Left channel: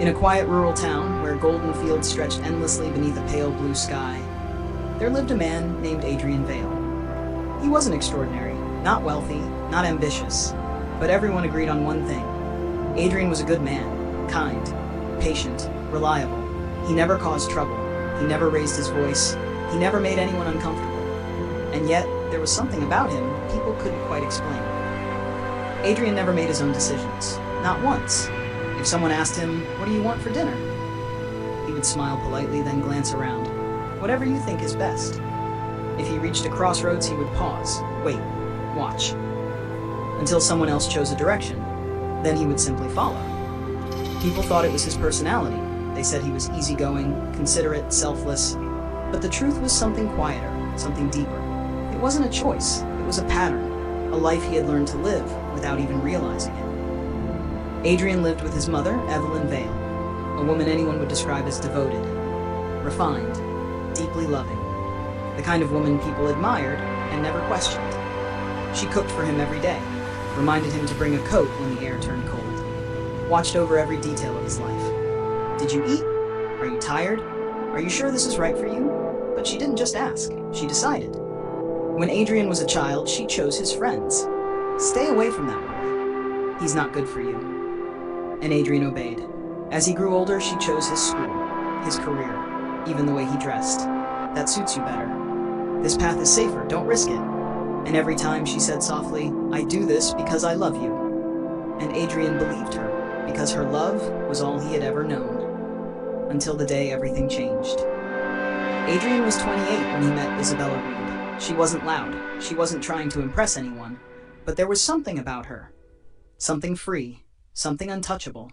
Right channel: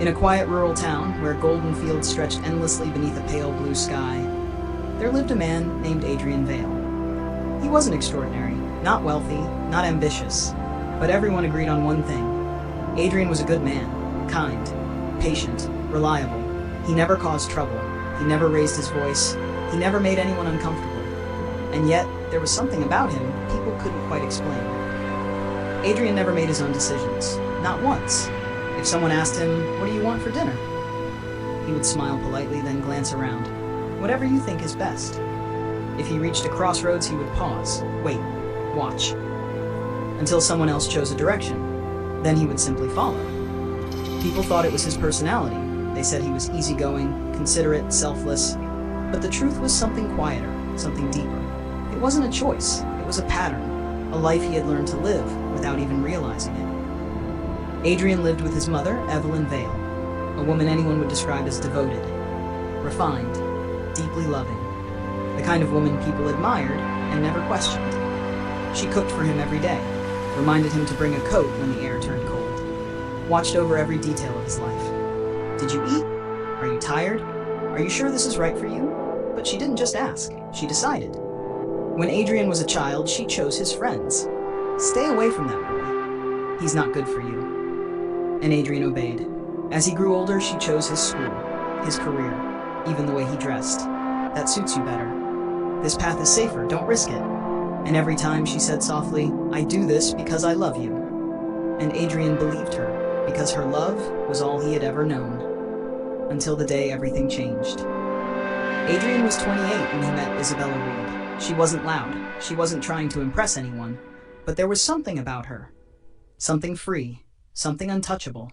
In a quiet rural town where golden fields stretched endlessly beneath a pale blue sky, there lived a man named Adrian Vale. He wasn't extraordinary, not wealthy, not ambitious, but everyone agreed on one thing. Adrian was a good man, kind, patient, reliable. He never caused trouble. He never raised his voice. He never made anyone uncomfortable. And yet, there was something about him people couldn't quite explain. Adrian never made his own decisions, not once. If someone asked him, "What do you want for dinner?" he would smile politely, then glance around. "Whatever you think is best." If he reached a crossroads, he would pause, wait, watch, until someone else chose a direction. Then he would simply follow. People thought it was his personality. They said he was easygoing, considerate, selfless. But the truth was something quieter, something deeper. It wasn't a choice, it was a pattern, a life he had learned to live without even realizing it. Adrian lived with his mother, Evelyn Vale, a woman anyone would describe as devoted, refined, deeply loving, the kind of woman people admired and never questioned. She cooked for him every day, reminded him to bring a coat when the air turned cold, watched over every detail of his life. "Did you eat? Are you tired? Are you sure this is right for you?" But she didn't just ask, she decided. When Adrian was a child, she chose his friends. "Stay away from that boy. He's not good for you." And Adrian obeyed. As he grew older, she chose his school, his career, even the way he dressed. "That suits you better. This path is safer, don't risk it." And every time she said softly, "I do this because I love you." And Adrian believed her, because her love was all he had ever known. Until the day everything changed. Adrian was 28 when he met Isabella Reed. She wasn't loud, she wasn't trying to impress anyone, but there was something about her. Something free, something untouchable.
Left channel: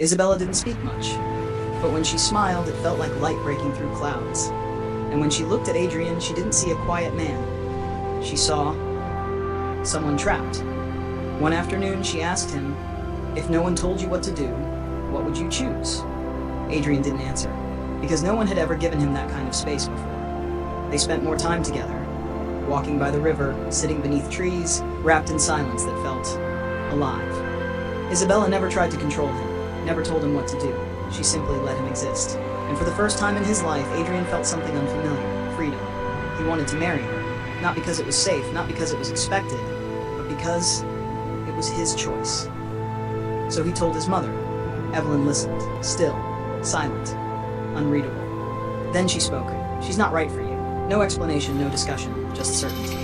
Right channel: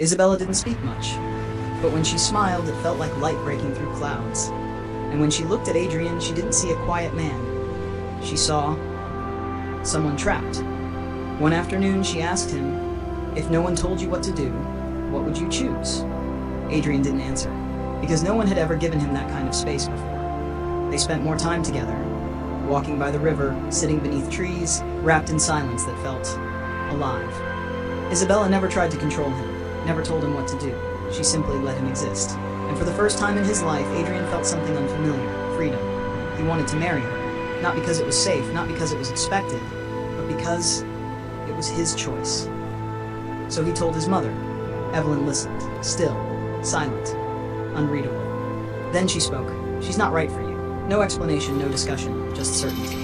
Isabella didn't speak much, but when she smiled, it felt like light breaking through clouds. And when she looked at Adrian, she didn't see a quiet man. She saw someone trapped. One afternoon, she asked him, "If no one told you what to do, what would you choose?" Adrian didn't answer, because no one had ever given him that kind of space before. They spent more time together, walking by the river, sitting beneath trees, wrapped in silence that felt alive. Isabella never tried to control him, never told him what to do. She simply let him exist. And for the first time in his life, Adrian felt something unfamiliar, freedom. He wanted to marry her, not because it was safe, not because it was expected, but because it was his choice. So he told his mother. Evelyn listened, still, silent, unreadable. Then she spoke. "She's not right for you." No explanation, no discussion, just certainty.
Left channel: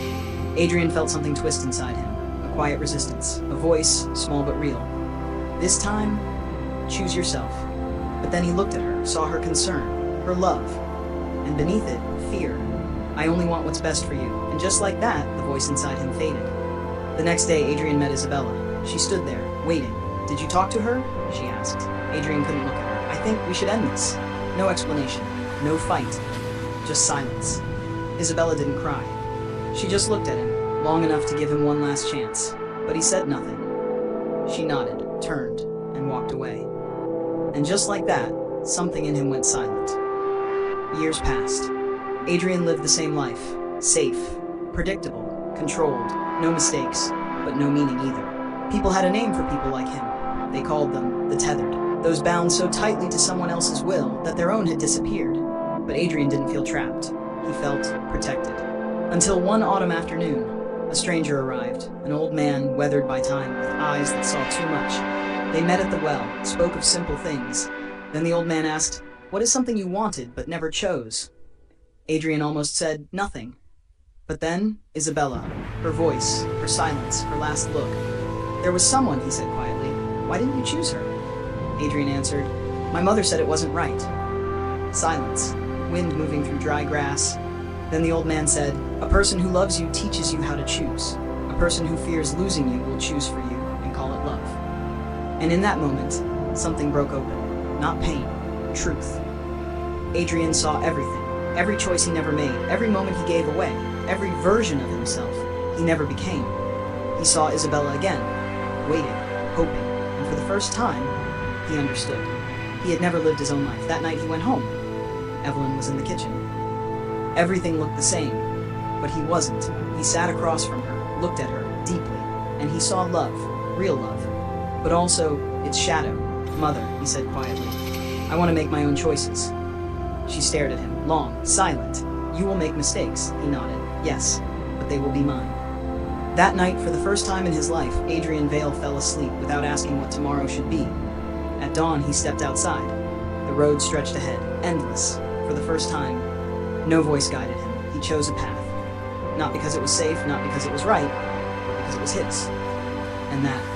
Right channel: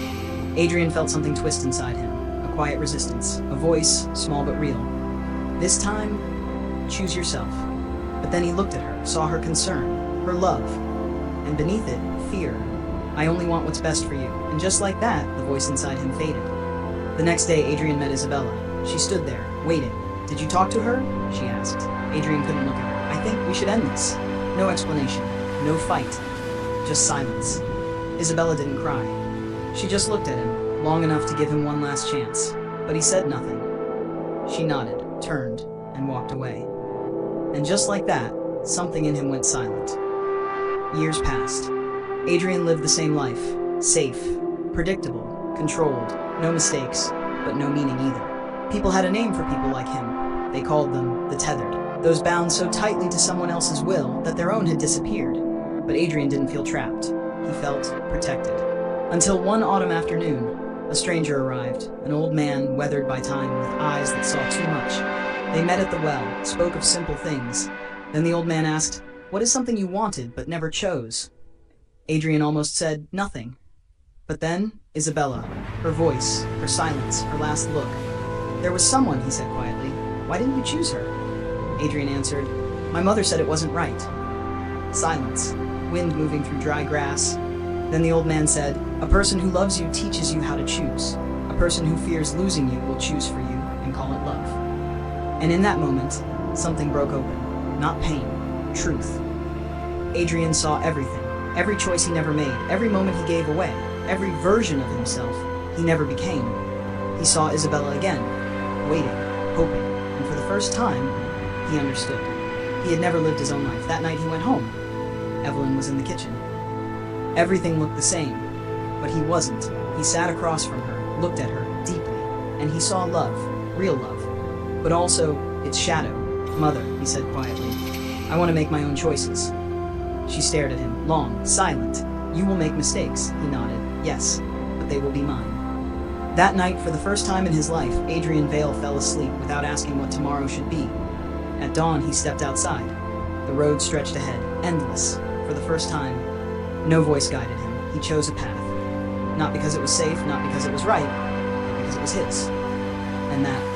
Adrian felt something twist inside him, a quiet resistance, a voice, small but real. "This time, choose yourself." But then he looked at her, saw her concern, her love, and beneath it, fear. "I only want what's best for you." And just like that, the voice inside him faded. The next day, Adrian met Isabella. She stood there, waiting. "Did you talk to her?" she asked. Adrian couldn't look at her. "I think we should end this." No explanation, no fight, just silence. Isabella didn't cry. She just looked at him, long enough to give him one last chance. But he said nothing. She nodded, turned, and walked away. And just like that, something in him went silent. Years passed. Adrian lived the same life, safe, predictable, controlled, no mistakes, but no meaning either. People had a name for people like him. They called them the tethered, those bound so tightly to someone else's will that their own had disappeared. But Adrian didn't feel trapped. He felt protected. Until one autumn afternoon, a stranger arrived, an old man weathered by time with eyes that saw too much. They met at the well, spoke of simple things. Then the old man asked, "What is something you wanted but never chose?" Adrian almost said, "Nothing." But then, Isabella, her voice, her silence, her last look. "There was someone," he said quietly. "Why didn't you choose her?" Adrian answered, "My mother said it wasn't right." Silence, wind moving through dry grass. Then the old man said, "A person who loves you teaches you how to choose. A person who fears losing you will choose for you and call it love." And in that moment, something broke open. Not pain, truth. Adrian saw everything, every choice he never made, every moment he gave away, every version of himself he never became. He saw Isabella again, waiting, hoping, and for the first time, he understood. He had never lived his own life. That night he went home. Evelyn was in the kitchen. Everything looked the same, but he wasn't. He sat across from her, looked at her deeply, and he saw love, real love, but also its shadow, Mother, he said quietly, I want to make my own choices. She stared at him, long, silent. You will make mistakes, he nodded. Yes, but they will be mine. That night, for the first time in his life, Adrian Vale fell asleep without asking what tomorrow should be. At dawn, he stepped outside. The road stretched ahead, endless. For the first time, no voice guided him. He chose a path. Not because it was safe, not because it was right, because it was his. And that